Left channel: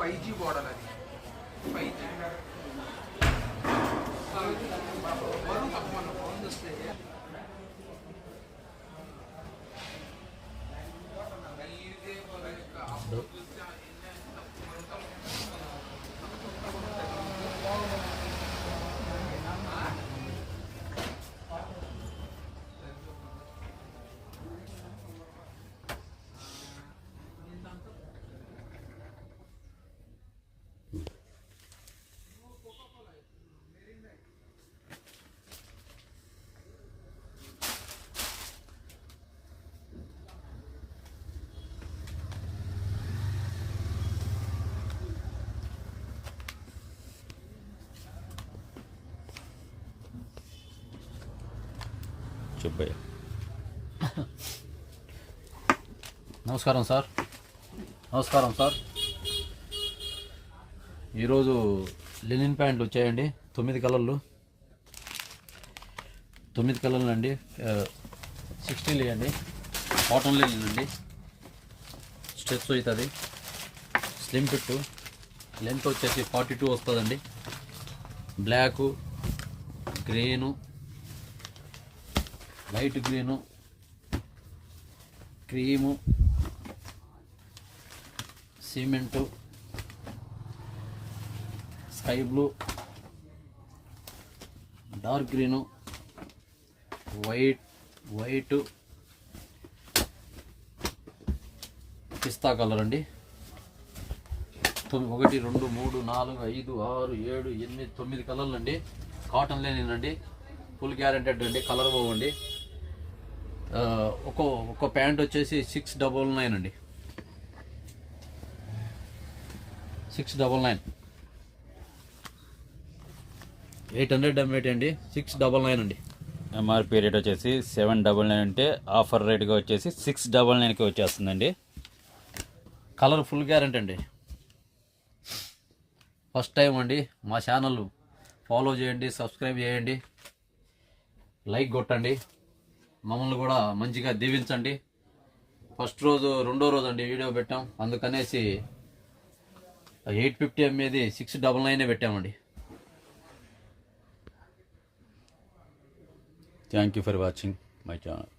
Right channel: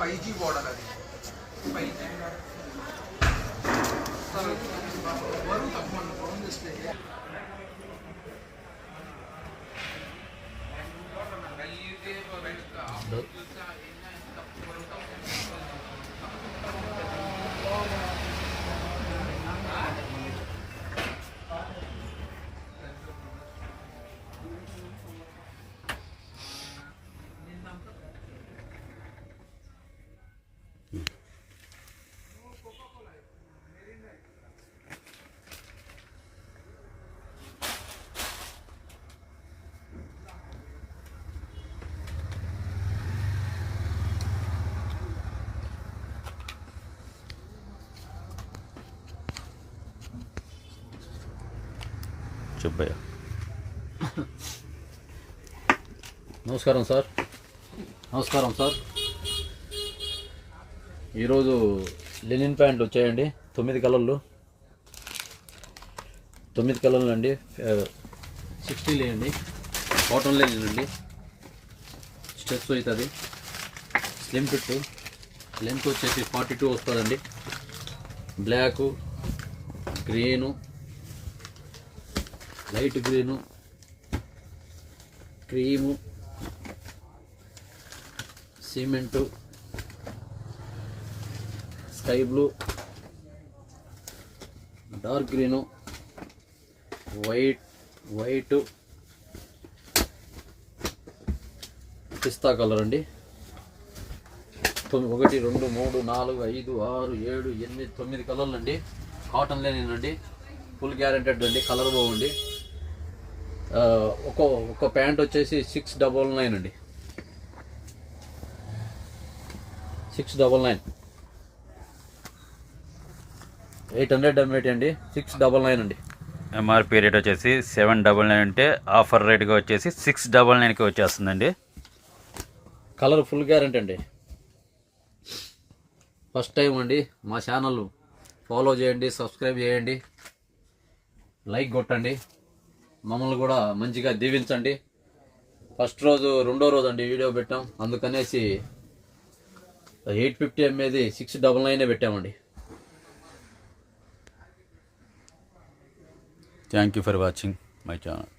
5G model అది 5G Varun తక్కువ phone చేస్తే చెప్పయ్యా. నమస్కారం సార్. ఈరోజు లెనిన్ ప్యాంట్లు వచ్చాయండి. 9 కలర్లు అండి. 60 లేయండి. కాటన్ లెనిన్ అండి. స్టెప్స్ అవుతుంది. Slim fit. లెంత్ వచ్చేసి 42 వస్తుందండి. Black, green, light green, cream, cement, sky blue, dark green, white, పిస్తా కలర్ అండి. 1 2 3 4 5 6 7 8 9 కలర్లు అండి. కాటన్ లెనిన్ అండి. ఫుల్ గ్యారెంటెడ్ అండి. కలర్ బాగుండి. ఒక ప్యాంట్ వచ్చేసి 699 అండి. 699 800 MAT అండి. 699 అండి. ఎంఆర్పి రేట్ వచ్చేసి 799 అంటే ఆఫర్ రేట్గా వచ్చేసి 699కి వచ్చేస్తుందండి. కలర్ ఫుల్ గ్యారెంటీ అండి. ఫస్ట్ టైం అండి. మా ఛానల్ ఫాలో చేయండి, సబ్స్క్రైబ్ చేయండి, లైక్ కొట్టండి, మమ్మల్ని కూడా మంచిగా దీవించండి. ఫస్ట్ రోజు రెండో రోజు అండి వీడియో పెట్టాం, అందుకనేసి 850 MAది 699 పెట్టామండి. Thank you for watching my channel.